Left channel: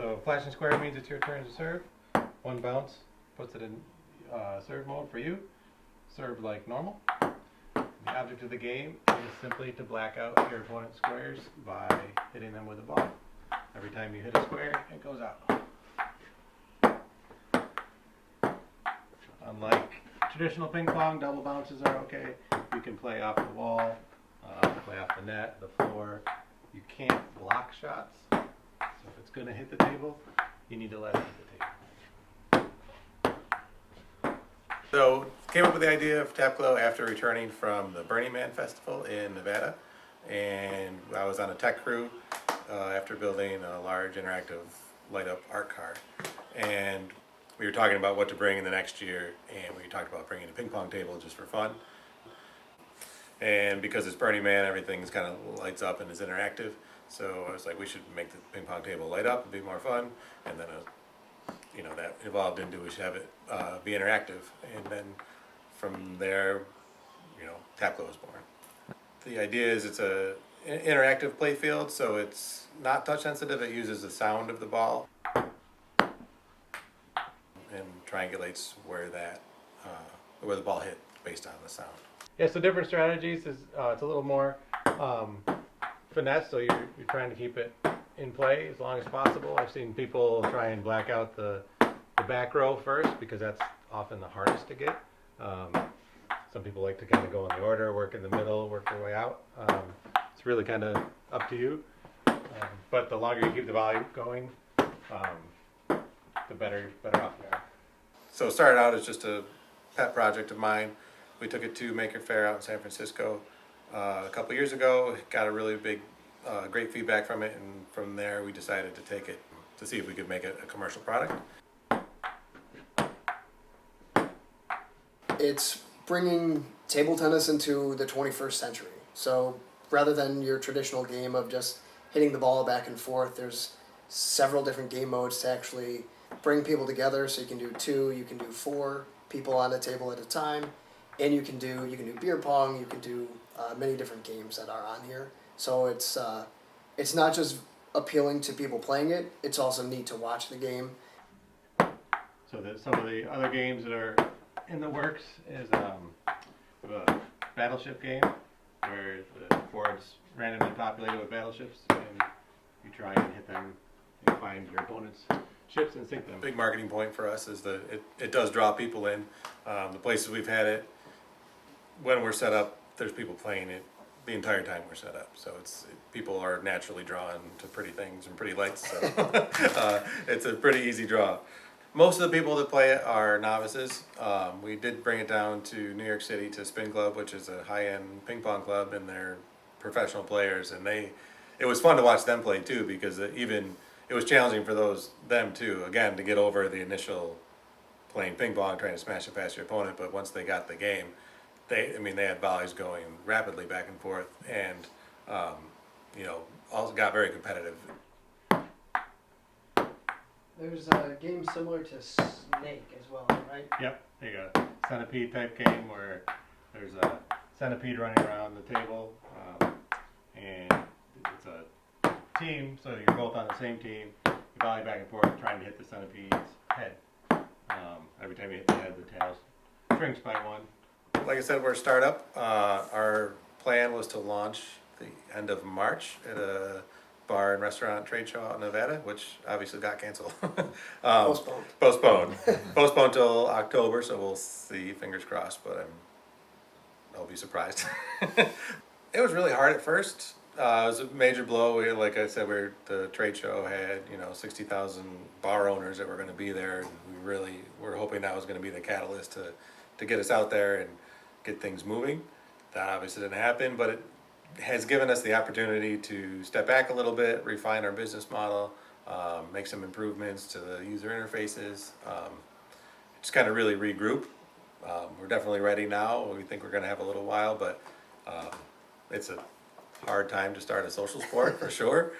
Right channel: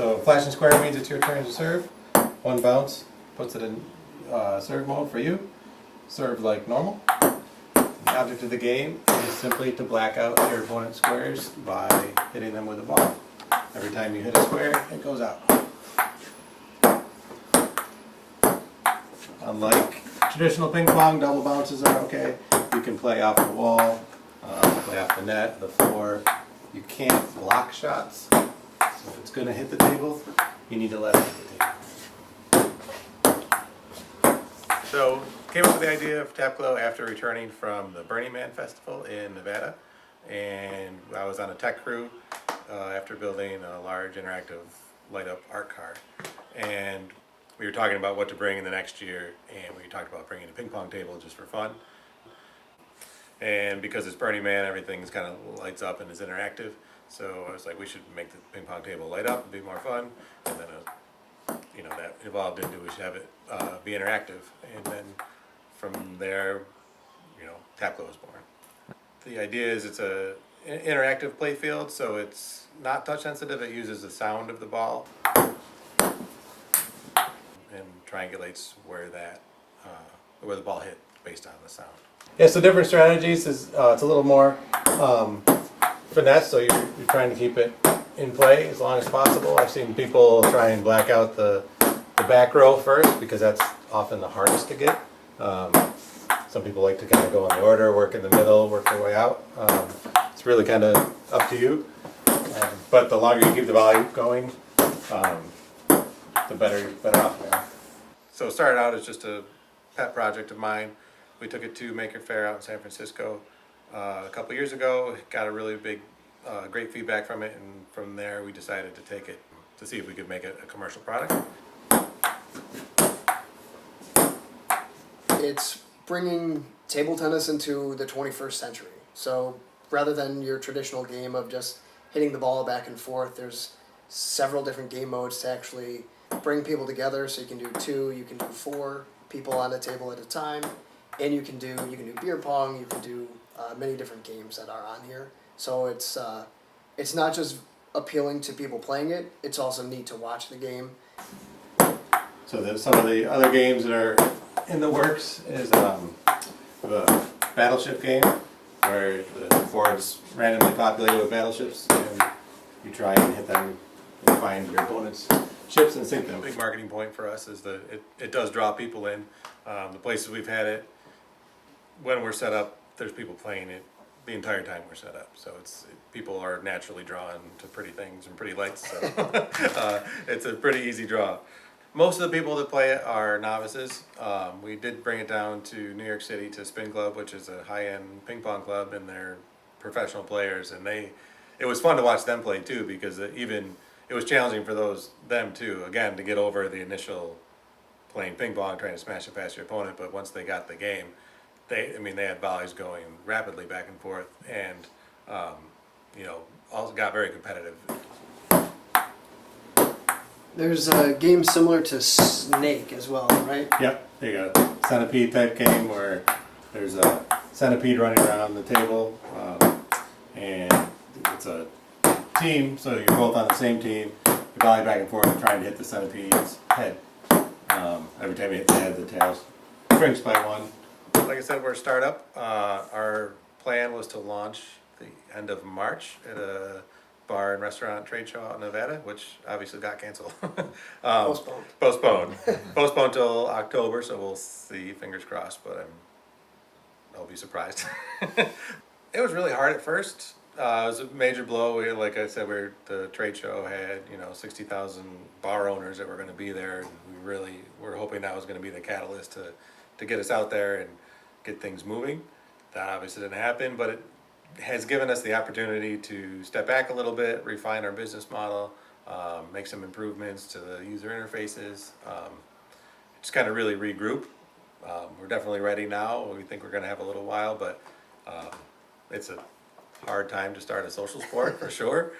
So flashing square means it's your turn to serve. One bounce puts it in serve mode for you. Serve like normal. The object of the game is simply to black out your opponent's squares by hitting them with a ball. Every time you hit a square, it goes out. Unlike traditional ping pong, double bounces are okay. You can play off the wall, play off the net, the floor. You can't block shots. So if it's going to hit the table, you need to let it hit the table. So came up with the idea of TapGlo after returning from the Burning Man Festival in Nevada. And I was on a tech crew after building a large interactive light up art car. And we were talking about what to bring in the next year, and we talked about bringing a ping pong table just for fun. And because it's Burning Man, everything's kind of lights up and is interactive. So I was like, we should make the ping pong table light up and be more fun. And then, that evolved into we should have it be interactive. And then from there, TapGlo was born. The idea is it's an interactive play field, so it's not touch sensitive. It uses the sound of the ball and triangulates where the ball hit based on the sound. Yeah, so different strategies is it's a little more finesse, so you're trying to keep it in play as long as possible. I've seen people try and black out the back row first because that's often the hardest to get. Some people like to kind of go in the order, work in the middle, work their way out. It's really kind of up to you. But the longer you keep the volume going, the better off you are. So it started out as just a pet project of mine. We took it to Maker Faire out in San Francisco a couple years ago. Got a really great feedback from it, and from there we decided to take it to see if we could make it a commercial product. It's bringing table tennis into the 21st century. So rather than your traditional game of just hitting the ball back and forth, there's several different game modes to actually bring people together. So you can do 2, you can do 4 people on a table at a time, and you can do beer pong, you can do many different games that are on here. So it's not just appealing to people playing it, it's also neat to watch the game. So some of the other games that are in the works is the battleship game, where the board's randomly populated with battleships, and you try and hit them and find your opponent's ships and sink them. Big marketing point for us is that it does draw people in. The places we've had it, when we're set up, there's people playing it the entire time we're set up. So people are naturally drawn to pretty things and pretty lights. So it's a pretty easy draw. Most of the people that play it are novices. We did bring it down to New York City to Spin Club, which is a high-end ping pong club, and they're professional players. And it was fun to watch them play too, because it was challenging for them too. Again, to get over the initial playing ping pong, trying to smash it past your opponent. But once they got the game, they had volleys going rapidly back and forth, and also got very competitive. There's a game similar to Snake as well, right? Yep, they got a centipede type game where there's a centipede running around the table, and it's a team, so you're both on the same team. You're volleying back and forth trying to hit the centipede's head. Every time you hit the head, the tail shrinks by 1. Like I said, we're a startup. Our plan was to launch the end of March at a bar and restaurant trade show out in Nevada, which obviously got canceled. Postponed till October, so we'll see, fingers crossed, but I'll be surprised. It was really hard at first. It was a major blow. Like I said, the trade show had 60,000 bar owners that were going to be there, and we really were hoping that was going to be the catalyst to get us out there and get things moving. That obviously didn't happen, but it has given us the opportunity to step back a little bit, refine our business model, make some improvements to the user interfaces, just kind of really regroup. We're definitely ready now. We think we're going to have a little while, but it's a hard time to start a social sport for sure.